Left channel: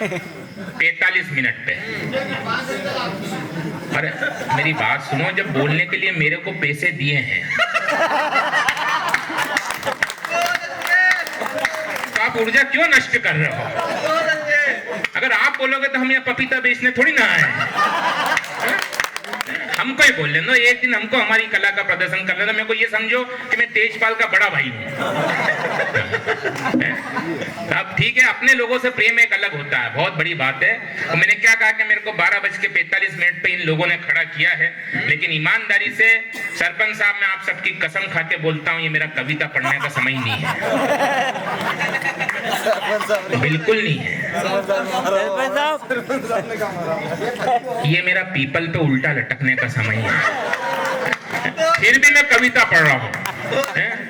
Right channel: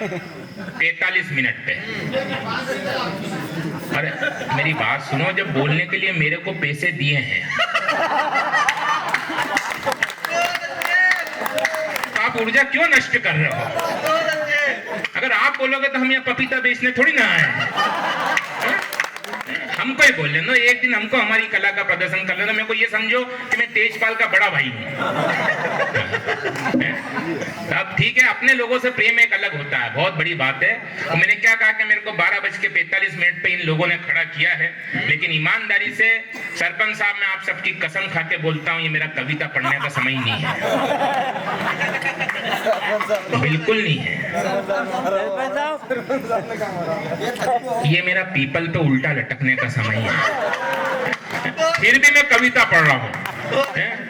45 minute पे। अरे मेरी बात सुनो, जब बोलने के लिए मेरे को पैसे दिए हैं तो आप ऊर्जा क्यों नष्ट कर रहे हो? अगर आप बोलोगे तो हम यहाँ पपीता बेचने थोड़ी ना आए। हमको ही बोल लेना, एक दिन हमको हमारी कला का प्रदर्शन कर लेना। मेरे को ये समझो कि मैं तेजपाल का बड़ा भाई हूँ। अब ठीक है, अपने लोगों से प्रेम एक अलग होता है, बहुत बड़ी बात है। और मैंने क्या कहा कि मेरे को 12:45 पे इन लोगों ने खड़ा किया है, लेकिन ईमानदारी से सरपंच साहब, मैं आप सबकी कसम खा के बोलता हूँ, ये मेरा कविता पढ़ने का समय ही नहीं है, बिल्कुल नहीं है। ये मेरा पीपल पे उल्टा लटकने का समय है। फिर भी मैं कविता पढ़ रहा हूँ,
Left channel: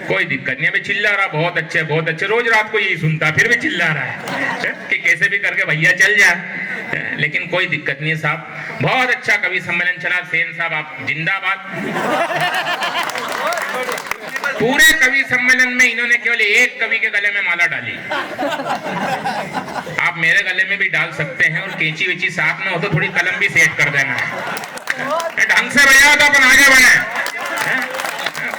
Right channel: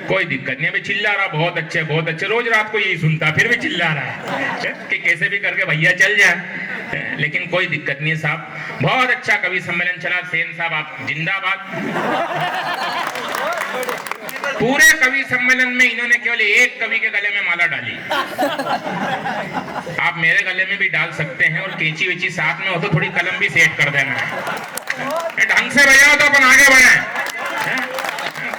कोई दिक्कत नहीं। अभी चिल्ला रहा, बहुत अच्छे बहुत अच्छे, रोज रात को यही सुनता, फिर भी चिल्ला रहा है कि कैसे भी करके भैया चल जाए, लेकिन कोई दिक्कत नहीं है साहब। बहुत अच्छा कवि सम्मेलन चला। सेन साहब आप जिंदाबाद। पूरे कवि सम्मेलन में इन्होंने केवल एक कवि के गले में माला डाली। आप मेरे गले में भी डाल सकते हैं, और कैंची वेची साथ में हो तो थोड़ी कलम भी सेट कर देना है। ढंग से बजा तो अपन आगे बढ़े,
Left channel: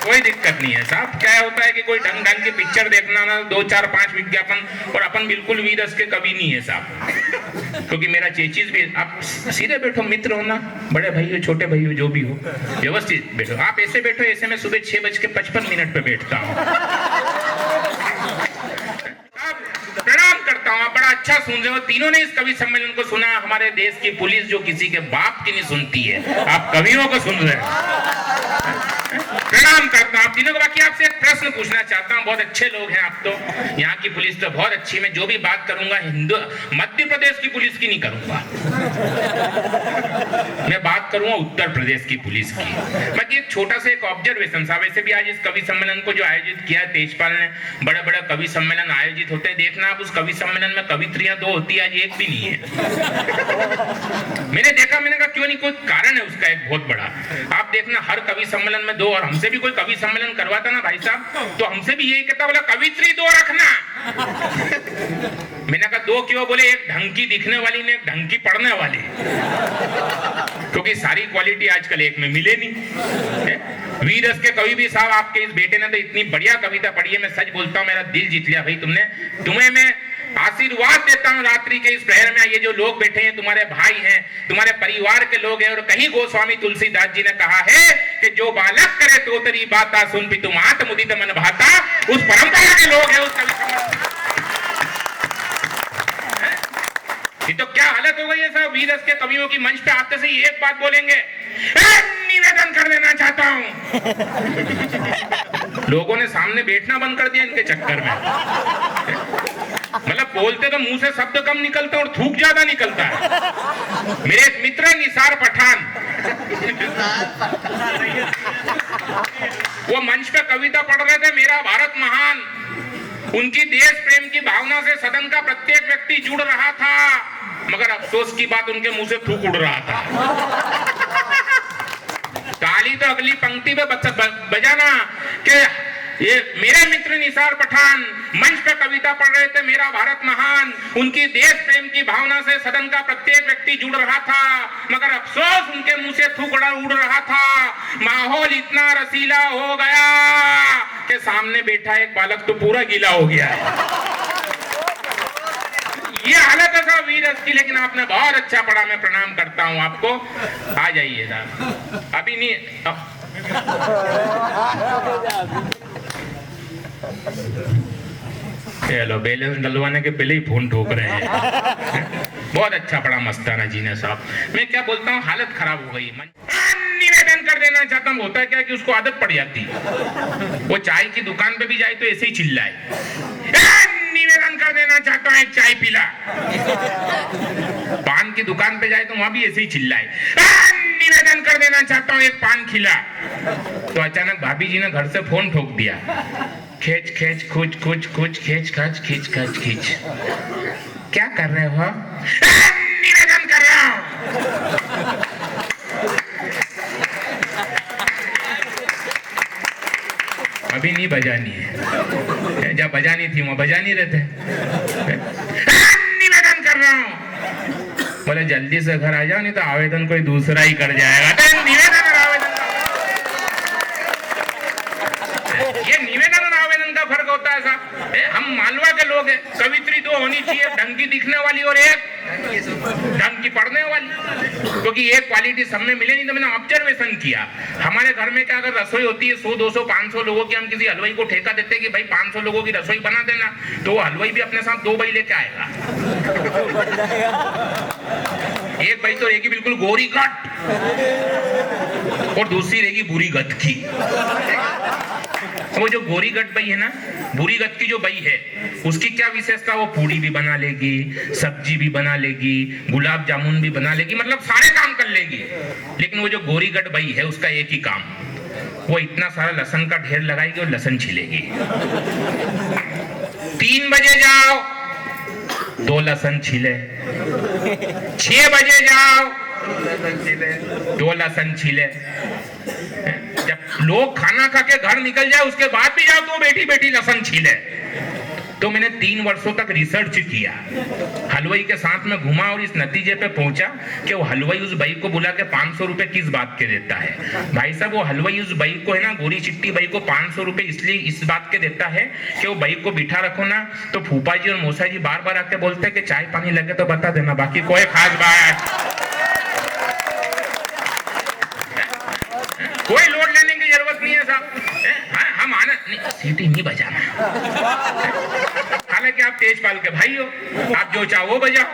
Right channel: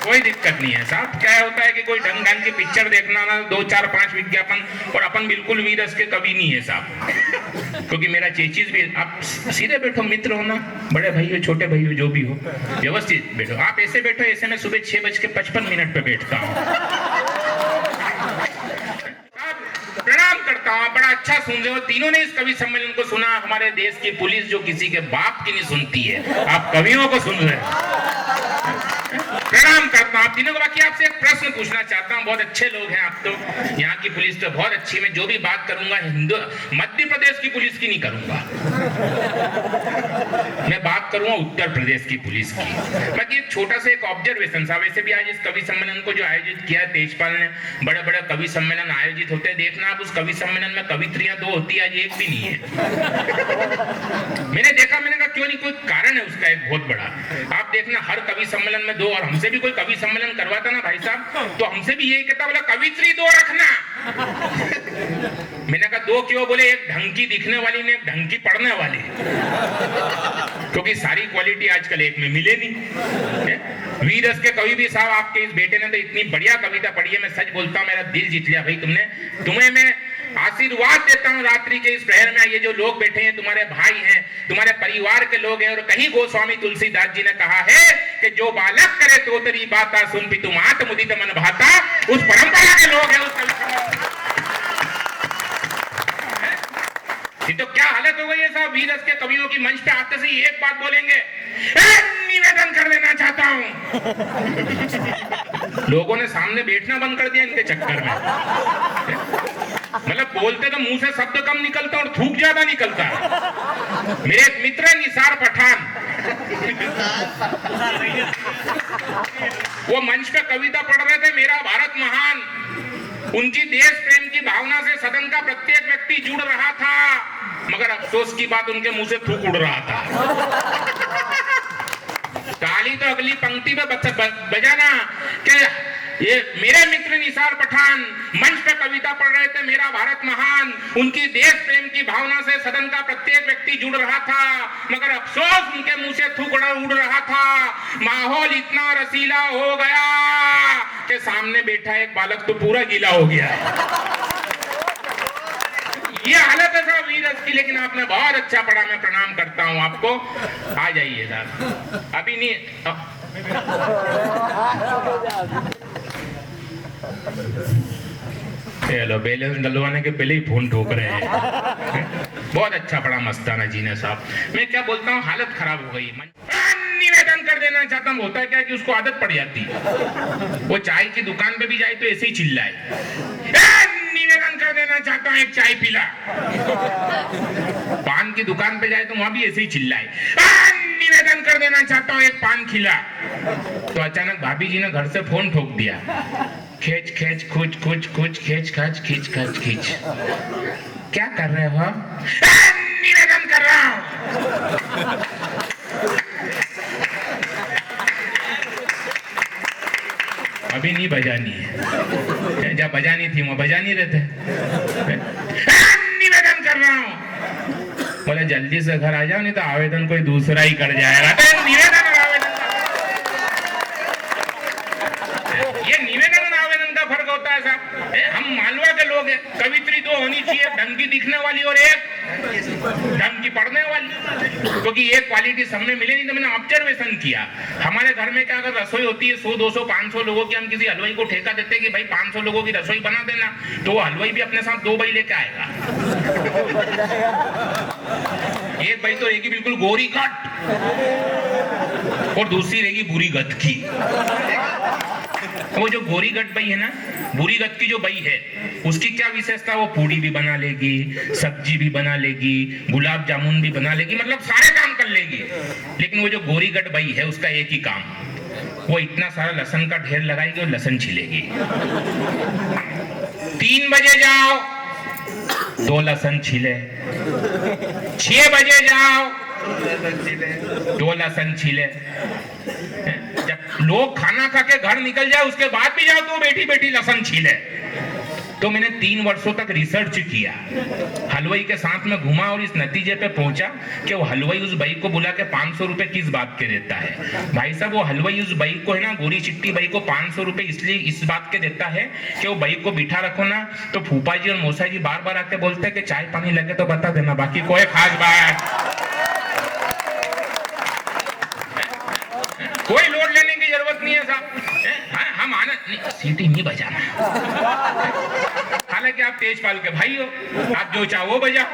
कोई दिक्कत नहीं है साहब। क्या होता है कि कोई ढंग ढंग की पिक्चर देखना ना, 2 4 5 विज्ञापन, और अपन बिल्कुल वीरस के कवि नहीं है साहब। क्योंकि मेरा चेचिस भी, आप सीधे बैठो, मित्र हो ना, बड़े भाई हो छोटे भाई हो जो भी हो, व्यवस्थित बैठो। आप ऐसे बैठो, ऐसे मैं सुबह 6:55 पे बैठता हूँ। प्रणाम करता हूँ, बड़ा अच्छा सुन रहे हो। तीनों ने इस कवि सम्मेलन को सुना। हमारे देश की पुलिस जो किसी के बाप की नहीं सुनती है, आप कवियों को सुन रहे हैं। प्रणाम करता हूँ आप तीनों को। बाकी आपसे एक प्रश्न पूछना चाहता हूँ, बहुत अच्छे लोग हैं आप तो, यहाँ की पुलिस तो बहुत अच्छी। मैं जो भी बात करूंगा मध्य प्रदेश की पुलिस की नहीं करूंगा, मैं बात करूंगा उत्तर प्रदेश की पुलिस की। बाकी एक छोटा सा एक ऑब्जर्वेशन साहब, वैसे भी आज इस कवि सम्मेलन को जो आयोजित किया तेजपाल ने, बड़े बड़े कवि सम्मेलन आयोजित होते हैं, देखना आप उस कवि सम्मेलन में कवित्रियां 2 होती है, आज एक भी नहीं है। मैंने देखा, मैंने कहा क्यों नहीं, कोई कारण है उसका एक बहुत बड़ा। आप देखना हर कवि सम्मेलन में 2, और हमसे भी कोई कवि सम्मेलन करवाता ना भाई साहब, तो हमसे भी यही कहता, बोला कवित्री 2 रखना। मैंने कहा 2 क्यों? बोले एक ढंग की दिखने वाली ने, एक ढंग की पढ़ने वाली, क्योंकि सारी क्वालिटी आजकल एक में मिले नहीं। वीरस के कवि भी साहब, आपके इस बेटे ने तो इतनी बढ़िया कविता पढ़ी है, मैं सच बोलता हूँ, मेरा दिल जीत लिया भाई तुमने। तुम्हें मैं आशीर्वाद देता हूँ रात्रि के इस प्रहर में। ये जो लोग बैठे हैं तुम्हारे भाई हैं, तुम्हारे परिवार के लोग हैं, और कहीं गोस्वामी तुलसीदास जी ने कहा है कि जो बालक करे तो तेरी बाता सुन भी तुम आत्मोदित मन भाता, उस परंपरा के लोग हैं उस कवि। तो क्या हालत हो गई है साहब, वीरस के कवियों की मंच पे आते से ही एक बात बोलेंगे, निवेदन कर देना चाहता हूं। लोगों ने सामने बैठना बंद कर दिया इनके चक्कर में। मतलब बोलते तो मुंह से शब्द कम निकलता और थूक ज्यादा निकलता है। मेरे एक मित्र निसार पठान, वो मंच पे कविता पढ़ रहे थे, मेरा भारत महान। उनकी देश प्रेम की भावना से सदन का प्रत्येक व्यक्ति जुड़ रहा था, मगर अफसोस की बात, उनके मुंह से थूक उड़ रहा था। ताली तो अगली पंक्ति पे बजाना कि ये मेरे मित्र निसार पठान मंच पे कविता पढ़ रहे थे, मेरा भारत महान। उनकी देश प्रेम की भावना से सदन का प्रत्येक व्यक्ति जुड़ रहा था, मगर अफसोस उनके मुंह से थूक उड़ रहा था। माहौल इतना रसीला हो गया कि सामने बैठा एक बालक तो पूरा गीला हो गया है। ये हालत है साहब वीरस की, लेकिन आपने बहुत अच्छा पढ़ा, मैं प्रणाम करता हूं आपको। आ जाइए साहब, अभी नहीं। चलो बैलेंस डलवाने के पहले ही फोन ठोक रहे हैं। बहुत अच्छा पढ़ा मस्ताना जी ने साहब। मैं क्या बोलता हूँ, हालत खराब हो गई। निवेदन कर देना चाहता हूँ, होता है क्या कि उसको आदत पड़ जाती है, वो चाय की दुकान पे भी जाए तो ऐसे ही चिल्लाए, निवेदन कर देना चाहता हूँ एक चाय पिला। पान की दुकान पे जाए तो वहां भी ऐसे ही चिल्लाए, निवेदन कर देना चाहता हूँ एक पान खिला। तो अचानक भाभी जी ने घर से फोन ठोक दिया, खींच खींच खुच खुच खुच खींच खच खींच खच खींच। क्या कर रहे हो? निवेदन कर रहा हूं। अभी नहीं बजानी है, जब बजानी थी वहां बजा नहीं रहते। निवेदन कर रहा हूं। बोले जल्दी से घर आ जाओ, नहीं तो आवेदन कोई दूसरा ही कर जाएगा। तो निवेदन और आवेदन, ये निवेदन और आवेदन का फर्क होता है साहब। हम मालवा के लोग हैं, कवित्री दो होनी चाहिए, ढंग की दिखने वाली और एक ढंग की पढ़ने वाली, क्योंकि एक क्वालिटी सब में मिले नहीं। तो मैंने ऑब्जर्वेशन किया, हमारे घर में क्या अगर रसोई होती है 100, 200, 500 लोगों की, हम किसी हलवाई को ठेका देते कि भाई 500 लोगों की रसोई बना देना, तो वो हलवाई भी अपने साथ 2 भाई लेके आएगा। एक भाई तो रहेगी बिल्कुल गोरी कट और दूसरी रहेगी बुरी गत की। वो जो गोरी गट बई है ना, बुरी गत की जो बई है, उसकी क्या विशेषता, वो पूड़ी भी बना लेगी, सब्जी भी बना लेगी, गुलाब जामुन भी बना लेगी, मतलब सारे काम कर लेगी। लेकिन वो जो गोरी गट बई है, उसका एक ही काम, वो इतना सारा लहसुन का ढेर लगाएगी और लहसुन छिलेगी। 3 बजे जाओ 2 लहसुन छिले, 6 बजे जाओ 2 लहसुन छिले। जब लोग खाना खा के घर निकल जाए उसके बाद भी जाओ तो बैठी बैठी लहसुन छीले। तो मैंने 3 वर्षों तक रिसर्च किया, हलवाई के साथ में घुमा और इस नतीजे पे पहुंचा कि वो हलवाई उस बाई को बुला के 500 रुपए किस बात के देता है। भाई साहब, वो हलवाई उस बाई को है ना, गोरी चिट्टी बाई को 500 रुपए इसलिए इस बात के देता है कि वो बाई को बिठा रखो ना, तो फूफा जी और मौसा जी बार बार आके बोलते हैं कि चाय पानी लगे तो बता देना, बाकी कोई खास बात, कोई लोड लेने की जरूरत नहीं है साहब। हम आना नहीं, सीटी नहीं बजाना। हालांकि आप तेजपाल के भाई हो, आप जो चाहो वो बजाओ,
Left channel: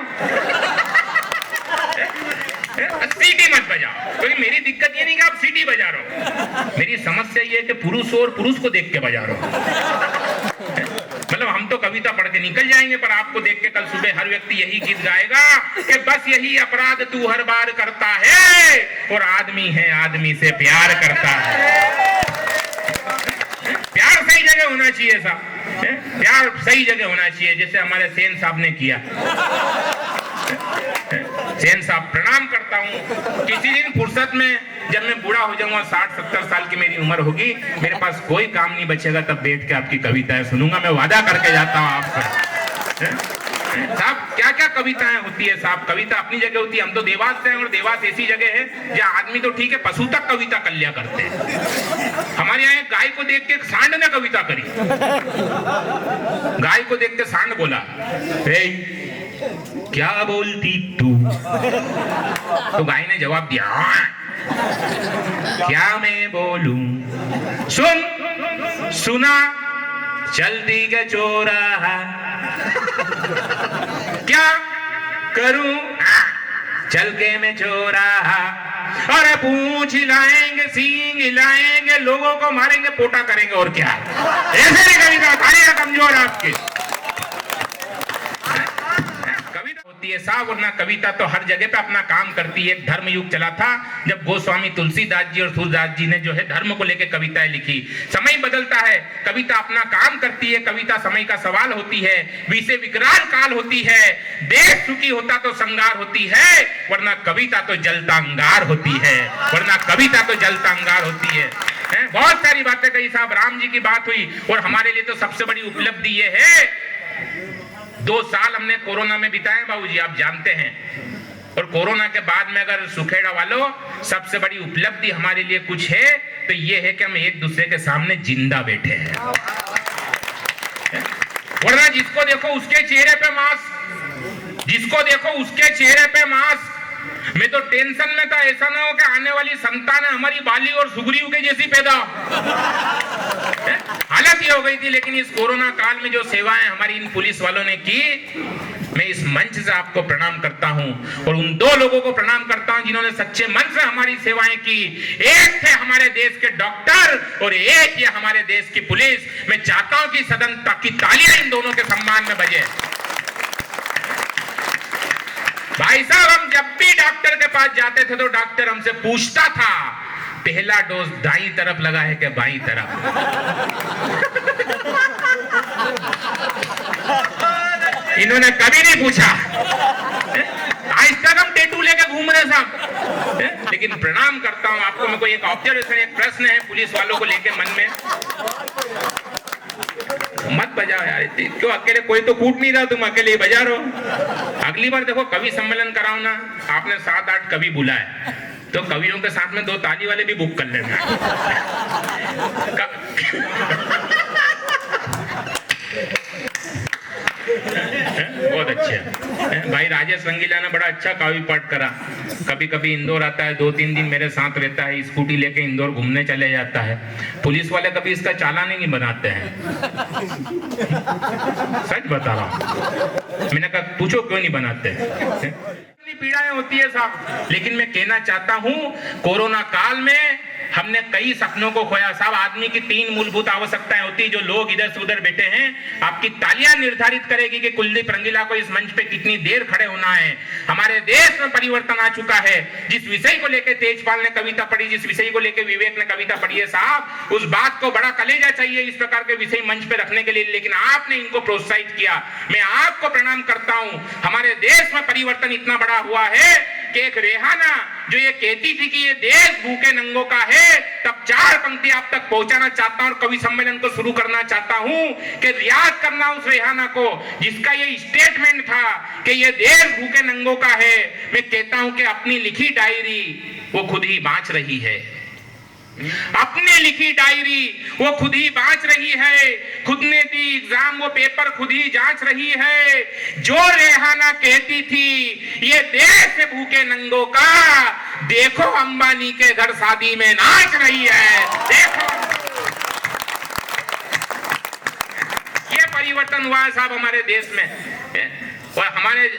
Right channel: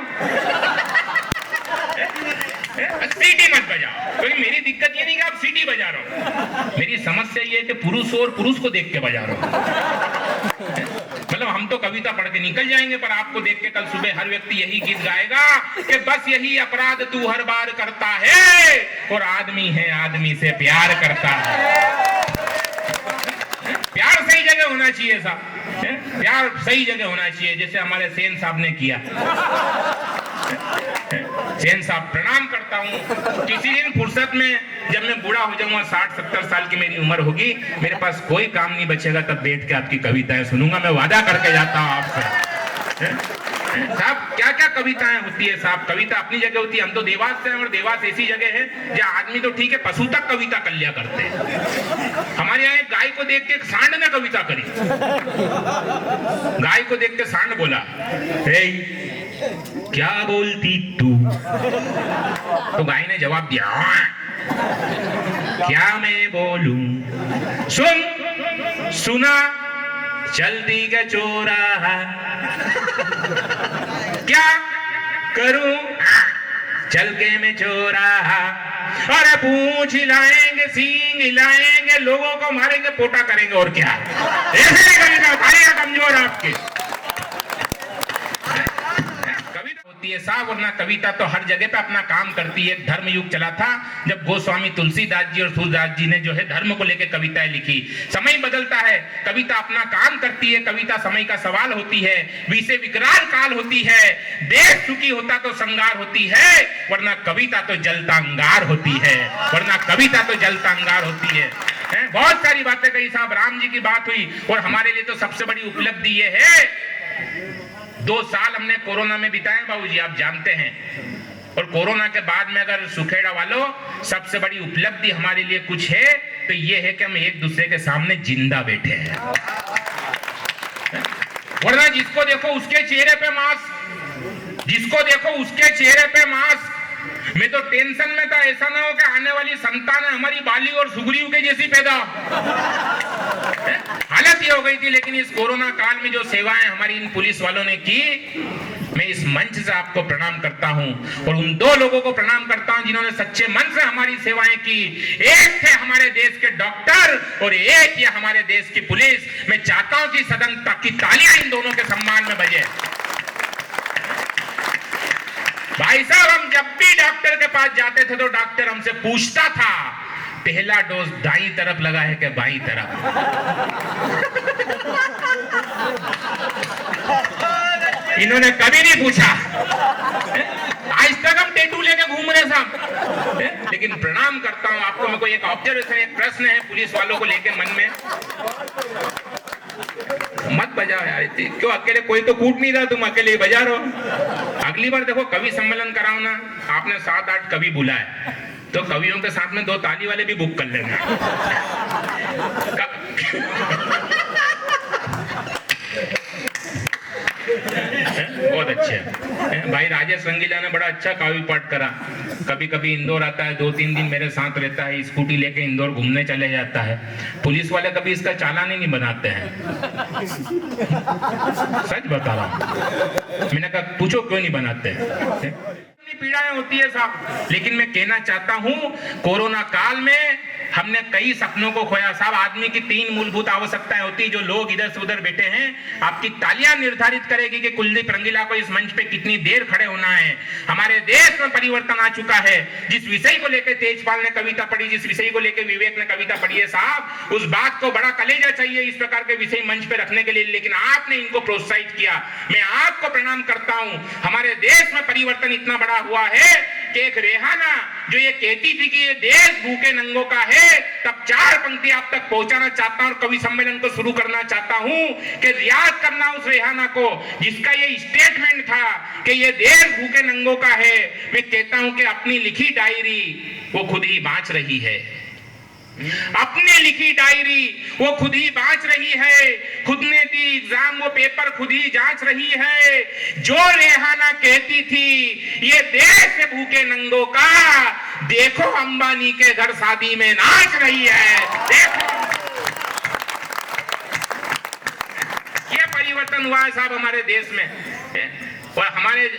सीटी मत बजाओ। क्योंकि मेरी दिक्कत ये नहीं कि आप सीटी बजा रहे हो, मेरी समस्या ये है कि पुरुष हो और पुरुष को देख के बजा रहे हो। मतलब हम तो कविता पढ़ के निकल जाएंगे, पर आपको देख के कल सुबह हर व्यक्ति यही गीत गाएगा कि बस यही अपराध तू हर बार करता है, और आदमी है आदमी से प्यार करता है। प्यार सही जगह होना चाहिए साहब, प्यार सही जगह होना चाहिए, जैसे हमारे सेन साहब ने किया। सेन साहब, प्रणाम करता हूँ। किसी दिन फुर्सत में जब मैं बूढ़ा हो जाऊंगा, 60-70 साल की मेरी उम्र होगी, मेरे पास कोई काम नहीं बचेगा, तब बैठ के आपकी कविताएं सुनूंगा। मैं वादा करके जाता हूँ आपसे। साहब, क्या क्या कविताएं होती है साहब, कविता अपनी जगह होती है। हम तो देवास से हैं और देवास ऐसी जगह है जहाँ आदमी तो ठीक है, पशु तक कविता कर लिया करते हैं। हमारे यहाँ एक गाय को देख के एक सांड ने कविता करी। गाय को देख के सांड बोला, क्या बोलती तू? तो गाय ने जवाब दिया, क्या मैं बोलूं? सुन सुना चलती के चौराहा, क्या करूं चल के मैं चौराहा, अरे पूंछ हिलाएंगे, सींग हिलाएंगे, लोगों को मारेंगे, पोटा करेंगे, और क्या। ऐसे नहीं कविता खाएगा कमजोर आपके होती है साहब, वरना कविता तो हर जगह पे अपना काम करती है। धर्म युग चला था जब गोस्वामी तुलसीदास जी और सूरदास जी ने जो है धर्म को लेकर कविताएं लिखी। समय बदलता है, कविता अपना काम करती है, कविता समय का सवाल होती है, विषय विकराल काल होती है, देश सुखी होता तो संगार होती है, वरना कविता तो जलता अंगार होती है, वरना कविता तो जलता अंगार होती है। बहुत सारी बातें कही साहब, राम जी की बात हुई, और हमारे लिए तो सबसे बड़ी उपलब्धि ये है 2 साल हमने कोरोना में बिताए बाबूजी, आप जानते हैं। और कोरोना के बाद में अगर सुखेड़ा वालों सबसे बड़ी उपलब्धि हमारे लिए कुछ है तो ये है कि हम एक दूसरे के सामने जिंदा बैठे हैं। वरना जिसको देखो उसके चेहरे पे मास्क, जिसको देखो उसके चेहरे पे मास्क। मैं तो टेंशन में था ऐसा ना हो कि आने वाली संतान हमारी बाली और सुग्रीव के जैसी पैदा। हालत ये हो गई थी। लेकिन इस कोरोना काल में जो सेवाएं हमारी इन पुलिस वालों ने की, मैं इस मंच से आपको प्रणाम करता हूं, और उन 2 लोगों को प्रणाम करता हूं जिन्होंने सच्चे मन से हमारी सेवाएं की। एक थे हमारे देश के डॉक्टर और एक ये हमारे देश की पुलिस। मैं चाहता हूं कि सदन की तालियां इन दोनों के सम्मान में बजे। भाई साहब, हम जब भी डॉक्टर के पास जाते थे तो डॉक्टर हमसे पूछता था, पहला डोज दाईं तरफ लगा है कि बाईं तरफ? इन्होंने कभी नहीं पूछा। आज तक हम टेटू लेके घूम रहे साहब। लेकिन प्रणाम करता हूं आपको। मैं कोई एक ऑब्जर्वेशन, एक प्रश्न है पुलिस वालों को लेके मन में। मत बजाओ यार, क्यों अकेले? कोई तो कूट नहीं रहा, तुम अकेले ही बजा रहे हो। अगली बार देखो कवि सम्मेलन कराओ ना, आपने 7-8 कवि बुलाए तो कवियों के साथ में 2 ताली वाले भी बुक कर लेना। बहुत अच्छे भाई। राजेश रंगीला ने बड़ा अच्छा काव्य पाठ करा। कभी कभी इंदौर आता है, 2-3 दिन मेरे साथ रहता है, स्कूटी लेके इंदौर घूमने चले जाता है। पुलिस वाले कभी इसका चालान ही नहीं बनाते हैं। सच बता रहा हूं। मैंने कहा पूछो क्यों नहीं बनाते। पीड़ाएं होती है साहब, लेकिन मैं कहना चाहता हूं कोरोना काल में हमने कई सपनों को खोया साहब। आदमी की 3 मूलभूत आवश्यकताएं होती है। जो लोग इधर से उधर बैठे हैं, आपकी तालियां निर्धारित करेगी कि कुलदीप रंगीला को इस मंच पे कितनी देर खड़े होना है। हमारे देश में परिवर्तन आ चुका है। जिस विषय को लेकर तेजपाल ने कविता पढ़ी, जिस विषय को लेकर विवेक ने कविता पढ़ी है साहब, उस बात को बड़ा कलेजा चाहिए इस प्रकार के विषय मंच पे रखने के लिए, लेकिन आपने इनको प्रोत्साहित किया। मैं आपको प्रणाम करता हूं। हमारे देश में परिवर्तन इतना बड़ा हुआ है कि एक रेहाना जो ये कहती थी कि ये देश भूखे नंगों का है, तब 4 पंक्ति आप तक पहुंचाना चाहता हूं और कवि सम्मेलन को शुरू करना चाहता हूं कि रियाज करना उस रेहाना को जिसका ये स्टेटमेंट था कि ये देश भूखे नंगों का है। मैं कहता हूं कि अपनी लिखी डायरी वो खुद ही बांच रही है। अपने लिखी डायरी वो खुद ही बांच रही है। खुद ने दी एग्जाम, वो पेपर खुद ही जांच रही है। जो रेहाना कहती थी ये देश भूखे नंगों का, देखो अंबानी के घर शादी में नाच रही है। देखो ये परिवर्तन हुआ है साहब हमारे देश में। और हमारे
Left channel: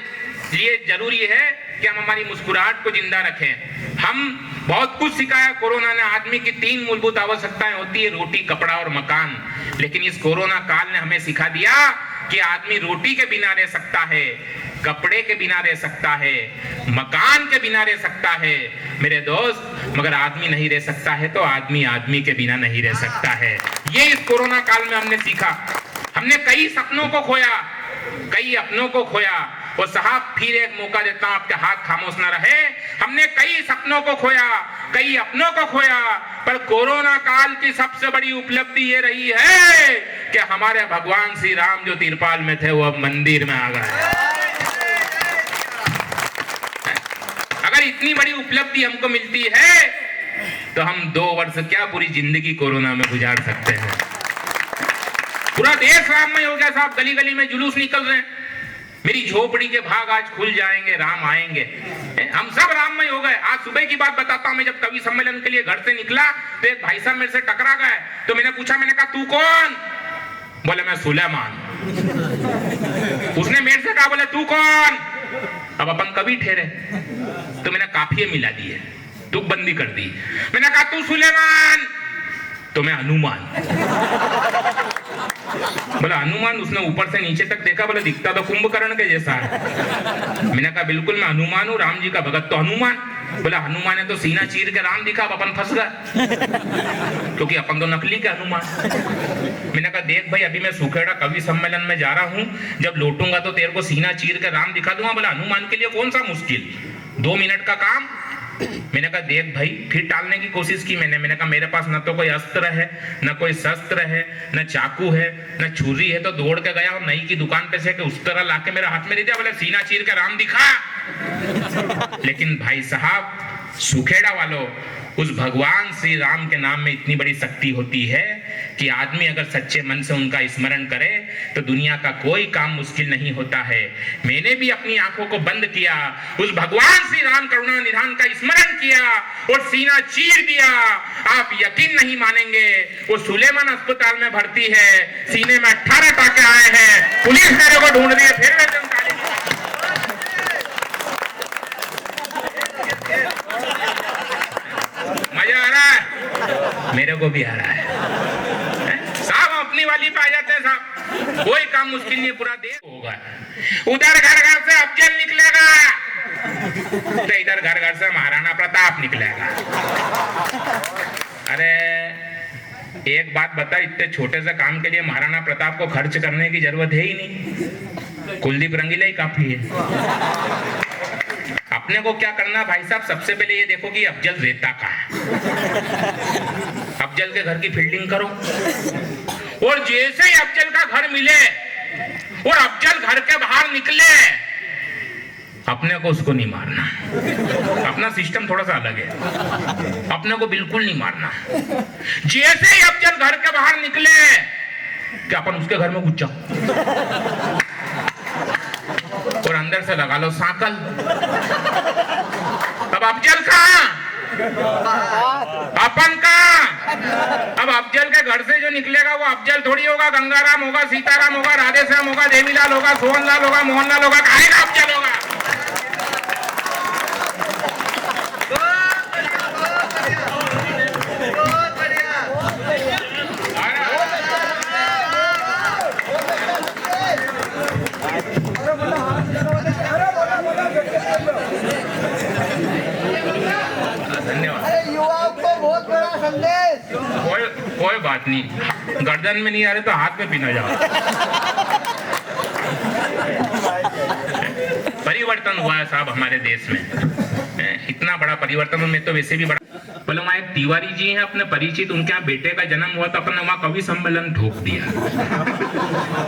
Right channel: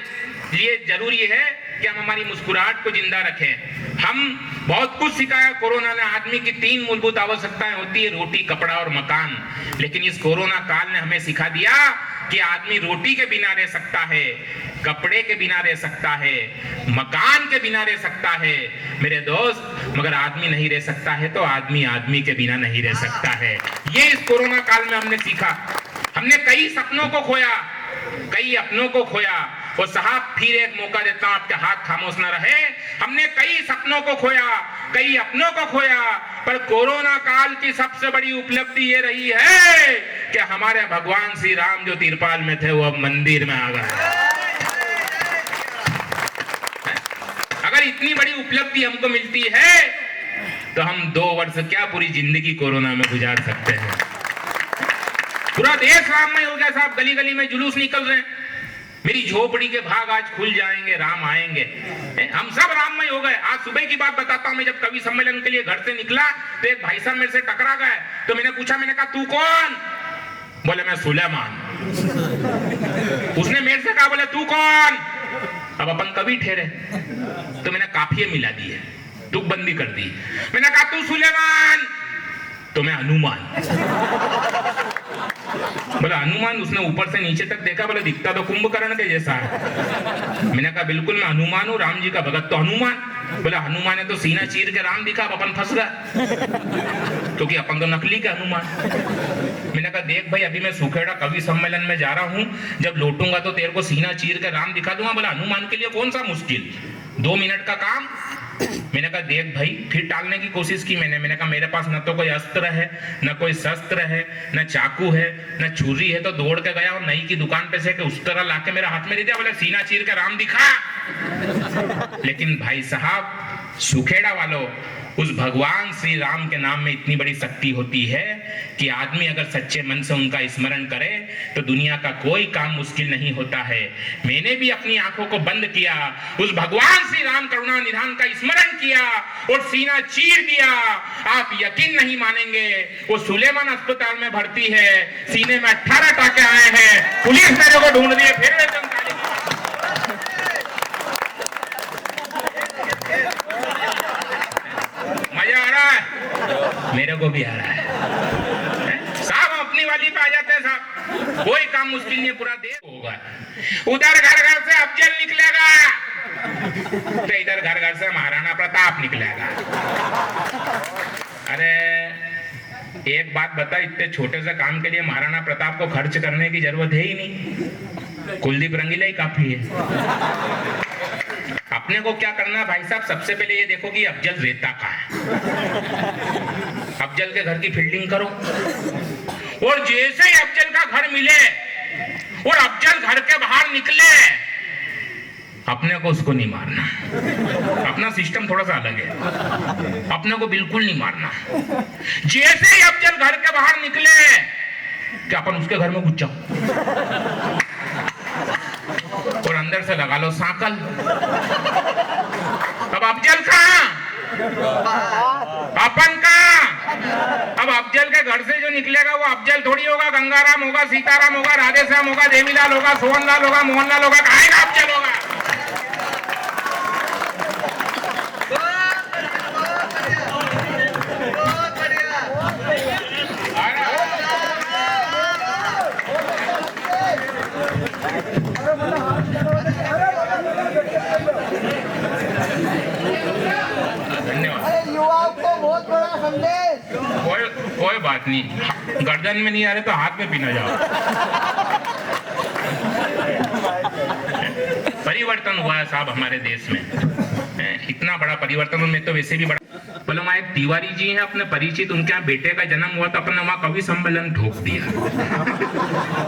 लिए जरूरी है कि हम हमारी मुस्कुराहट को जिंदा रखें। हम बहुत कुछ सिखाया कोरोना ने। आदमी की 3 मूलभूत आवश्यकताएं होती है, रोटी, कपड़ा और मकान। लेकिन इस कोरोना काल ने हमें सिखा दिया कि आदमी रोटी के बिना रह सकता है, कपड़े के बिना रह सकता है, मकान के बिना रह सकता है मेरे दोस्त, मगर आदमी नहीं रह सकता है तो आदमी के बिना नहीं रह सकता है। ये इस कोरोना काल में हमने सीखा। हमने कई सपनों को खोया, कई अपनों को खोया। और साहब फिर एक मौका देता हूं, आपके हाथ खामोश ना रहे। हमने कई सपनों को खोया, कई अपनों को खोया, पर कोरोना काल की सबसे बड़ी उपलब्धि ये रही है कि हमारे भगवान श्री राम जो तिरपाल में थे वो अब मंदिर में आ गए। अगर इतनी बड़ी उपलब्धि हमको मिलती है तो हम 2 वर्ष क्या पूरी जिंदगी कोरोना में गुजार सकते हैं। पूरा देश राममय हो गया साहब। गली गली में जुलूस निकल रहे हैं। मेरी झोपड़ी के भाग आज खुल जाएंगे, राम आएंगे। हम सब राममय हो गए। आज सुबह की बात बताता हूं। मैं जब कवि सम्मेलन के लिए घर से निकला तो एक भाई साहब मेरे से टकरा गए। तो मैंने पूछा, मैंने कहा तू कौन? बोले मैं सुलेमान। उसने मेरे से कहा, बोले तू कौन? अब अपन कवि ठहरे तो मैंने काफिये मिला दिए, तुकबंदी कर दी। मैंने कहा तू सुलेमान, तो मैं हनुमान। बोला हनुमान? उसने ऊपर से नीचे तक देखा, बोला दिखता तो कुंभकर्ण के जैसा है। मैंने कहा बिल्कुल मैं हनुमान हूँ, राम जी का भगत तो हनुमान। बोला हनुमान ने तो सीना चीर के राम दिखा, अपन फंस गए क्योंकि अपन तो नकली के हनुमान। मैंने कहा देख भाई, अभी मैं सुखेड़ा कवि सम्मेलन में जा रहा हूँ, जब लौटूंगा तो तेरे को सीना चीर के राम दिखा दूंगा। बोला हनुमान के लिए कौन सा मुश्किल, 2 मिनट का काम। मैंने कहा देख भाई, फिर टालने की कोशिश की मैंने कहा मेरे पास न तो कोई अस्त्र है, न कोई शस्त्र है, न चाकू है, न छुरी है। तो दौड़ के गया और नई की दुकान पे से कि उस तरह लाके मेरे हाथ में दे दिया। बोला सीना चीर के राम दिखा। लेकिन भाई साहब सुखेड़ा वालों, उस भगवान श्री राम के नाम में इतनी बड़ी शक्ति होती है कि आदमी अगर सच्चे मन से उनका स्मरण करे तो दुनिया का कोई काम मुश्किल नहीं होता है। मैंने भी अपनी आंखों को बंद किया, उस भगवान श्री राम करुणा निधान का स्मरण किया और सीना चीर दिया। आप यकीन नहीं मानेंगे, वो सुलेमान अस्पताल में भर्ती है, सीने में 18 टाके आए हैं, पुलिस मेरे को ढूंढ रही है। फिर मैं मजा आ रहा है, मेरे को भी आ रहा है साहब। अपनी वाली पे आ जाते हैं साहब, कोई काम मुश्किल नहीं, पूरा देश होगा। उधर घर घर से अफजल निकलेगा तो इधर घर घर से महाराणा प्रताप निकलेगा। अरे एक बात बता, इतने छोटे से काम के लिए महाराणा प्रताप को खर्च करने की जरूरत है ही नहीं, कुलदीप रंगीला ही काफी है। अपने को क्या करना भाई साहब, सबसे पहले ये देखो कि अफजल रहता कहाँ है। अफजल के घर की फील्डिंग करो, और जैसे ही अफजल का घर मिले और अफजल घर के बाहर निकले अपने को उसको नहीं मारना, अपना सिस्टम थोड़ा सा अलग है, अपने को बिल्कुल नहीं मारना। जैसे ही अफजल घर के बाहर निकले कि अपन उसके घर में घुस जाओ और अंदर से लगा लो सांकल। अब अफजल कहाँ, अपन कहाँ? अब अफजल के घर से जो निकलेगा वो अफजल थोड़ी होगा, गंगाराम होगा, सीताराम होगा, राधेश्याम होगा, देवीलाल होगा, सोहनलाल होगा, मोहनलाल होगा, कहाँ का अफजल होगा? कोई बात नहीं, गर्दन में नहीं आ रहे तो हाथ में पीना जाओ। परिवर्तन हुआ है साहब हमारे देश में, इतना बड़ा परिवर्तन। में तो वैसे भी बड़ा। बोले वहाँ एक तिवारी जी हैं अपने परिचित, उनके यहाँ बेटे का जन्म हुआ तो अपने वहाँ कवि सम्मेलन ठोक दिया।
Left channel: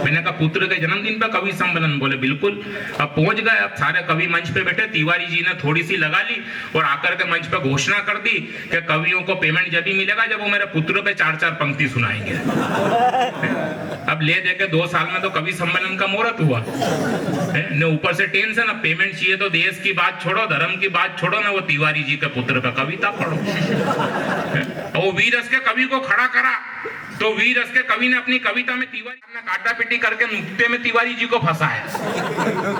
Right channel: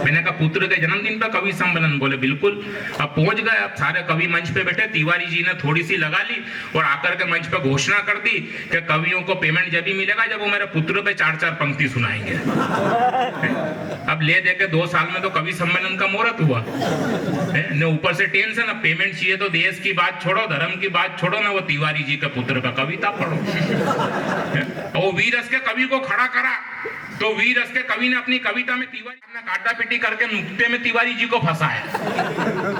मैंने कहा पुत्र के जन्मदिन पर कवि सम्मेलन? बोले बिल्कुल। अब पहुंच गए, अब सारे कवि मंच पे बैठे, तिवारी जी ने थोड़ी सी लगा ली और आकर के मंच पे घोषणा कर दी कि कवियों को पेमेंट जब भी मिलेगा जब वो मेरे पुत्र पे 4-4 पंक्ति सुनाएंगे। अब ले दे के 2 साल में तो कवि सम्मेलन का मुहूर्त हुआ ने, ऊपर से टेंशन, अब पेमेंट चाहिए तो देश की बात छोड़ो, धर्म की बात छोड़ो ना, वो तिवारी जी के पुत्र पे कविता पढ़ो। वो वीर रस के कवि को खड़ा करा तो वीर रस के कवि ने अपनी कविता में तिवारी ने काटा पिटी करके नुक्ते में तिवारी जी को फंसाया।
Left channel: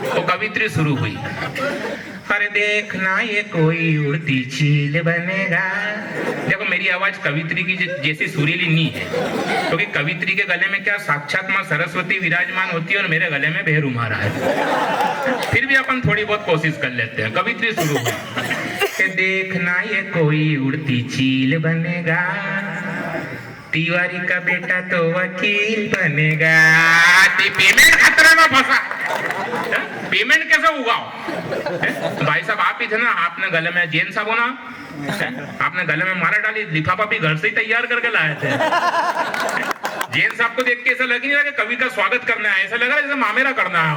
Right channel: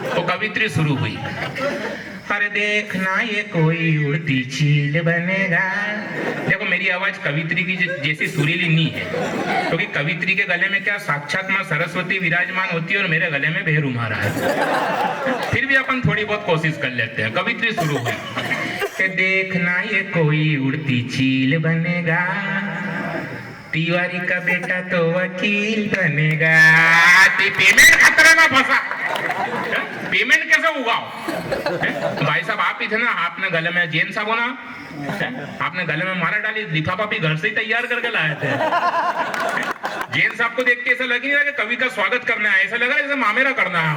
तो कवित्री शुरू हुई, अरे देखना ये कोई उड़ती चील बनेगा। देखो मेरी आवाज कवित्री की जैसी सुरीली नहीं है, क्योंकि कवित्री के गले में क्या साक्षात मां सरस्वती विराजमान होती है और मेरे गले में बेहरू मारा है। फिर भी अपन थोड़ी बहुत कोशिश कर लेते हैं। कवित्री शुरू हुई, देखना ये कोई उड़ती चील बनेगा, तिवारी का बेटा तो वकील बनेगा। पेमेंट खतरे में फंसा, पेमेंट कैसे उगाओ? तो भाई साहब आप ही थे ना, आपने गले में जैन साहब हो ना, आपने गले में मारा डाली, लिफाफा भी घर से ही तैयार करके लाए थे। जैन साहब को देख के ऐसा लग नहीं रहा कि कवि का स्वागत करना है, ऐसा लग रहा है जैसे मामेरा करना है।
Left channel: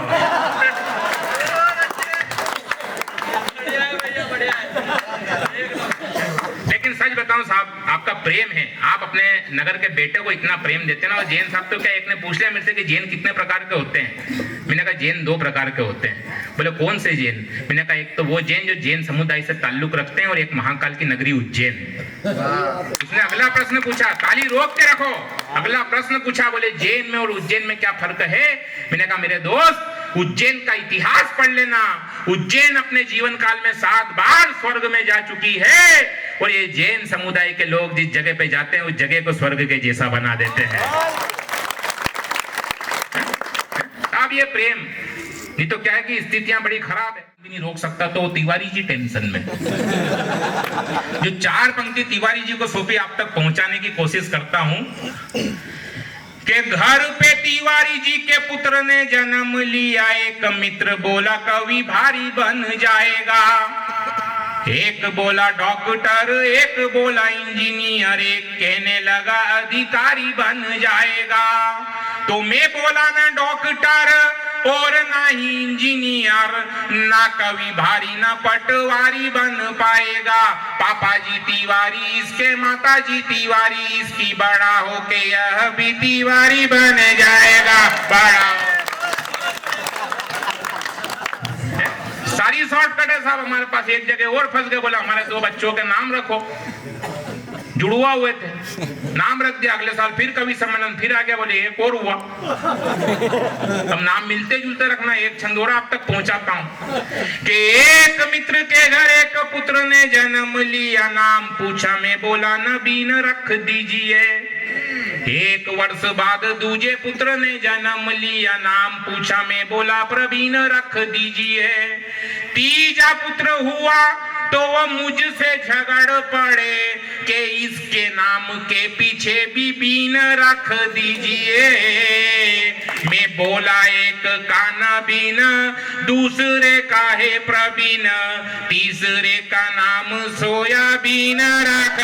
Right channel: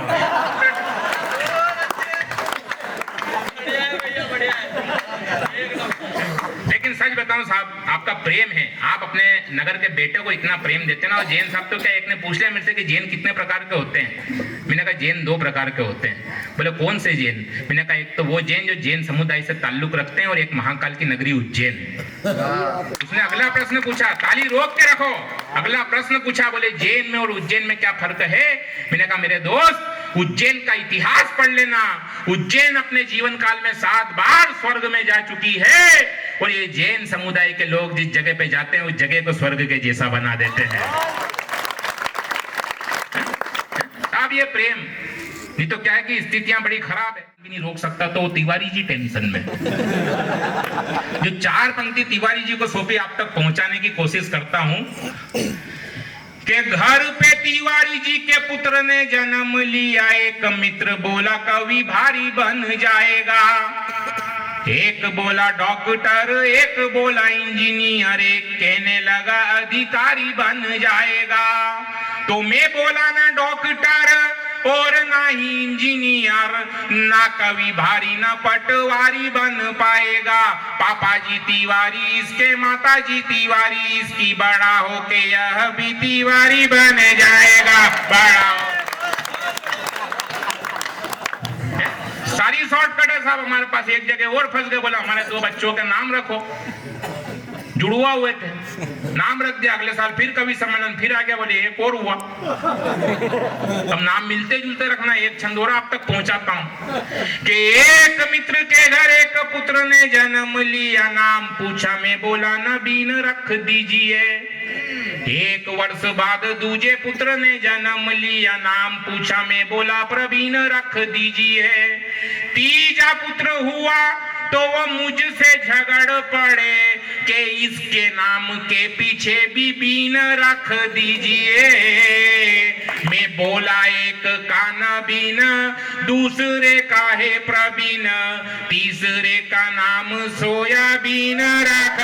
लेकिन सच बताऊं साहब, आपका प्रेम है, आप अपने नगर के बेटे को इतना प्रेम देते ना। और जैन साहब तो क्या, एक ने पूछ लिया मेरे से कि जैन कितने प्रकार के होते हैं? मैंने कहा जैन 2 प्रकार के होते हैं। बोले कौन से जैन? मैंने कहा एक तो वो जैन जो जैन समुदाय से ताल्लुक रखते हैं और एक महाकाल की नगरी उज्जैन। उसने अगला प्रश्न पूछा, ताली रोक के रखो, अगला प्रश्न पूछा, बोले जैन में और उज्जैन में क्या फर्क है? मैंने कहा मेरे दोस्त, उज्जैन का इतिहास पढ़ लेना। उज्जैन अपने जीवन काल में 7 बार स्वर्ग में जा चुकी है और ये जैन समुदाय के लोग जिस जगह पे जाते हैं उस जगह को स्वर्ग के जैसा बना देते हैं। अब ये प्रेम, नहीं तो क्या है कि स्थितियां बड़ी खराब है, भी नहीं रोक सकता। तो तिवारी जी टेंशन में, जो 4 पंक्ति तिवारी जी को सौंपी आप तक पहुंचाने की कोशिश करता हूं कि घर पे तिवारी जी के पुत्र ने जन्म लिया, एक मित्र बोला कवि भारी बन जाएगा। एक बोला डॉक्टर, एक बोला इंजीनियर, एक कहने लगा अधिकारी बन जाएगा। तो मैं बोला ना डॉक्टर और ना ही इंजीनियर, ना कवि भारी ना पटवारी बन पाएगा। पापा जी तिवारी इसके, माता जी तिवारी इसकी, बड़ा होके यह भी तिवारी बन जाएगा। बड़ा सारी शॉर्टकट है साहब हमारे पास। एक जगह और फंस गए, बोला हमारे 2 बच्चों के नाम रखो, जुड़वा हुए थे, नाम रख दिया। अगले साल फिर कवि सम्मेलन फिर आ गया, बोले एक और हुआ। अब नाम मिलते जुलते रखना। एक छंदोरा आप तक पहुंचाता हूं कि एक मित्र के घर एक पुत्र ने जन्म लिया, नाम पूछा मैं बोला नबीन रख दीजिए। एक वर्ष बाद दूजे पुत्र ने जन्म लिया, नाम पूछा मैं बोला प्रवीण रख दीजिए। तीजा पुत्र हुआ तो वह मुझसे झगड़ पड़े कि इसके नाम के पीछे भी बीन रख दीजिए। मैं बोला एक का नबीन, दूसरे का है प्रवीण, तीसरे का नाम सोयाबीन रख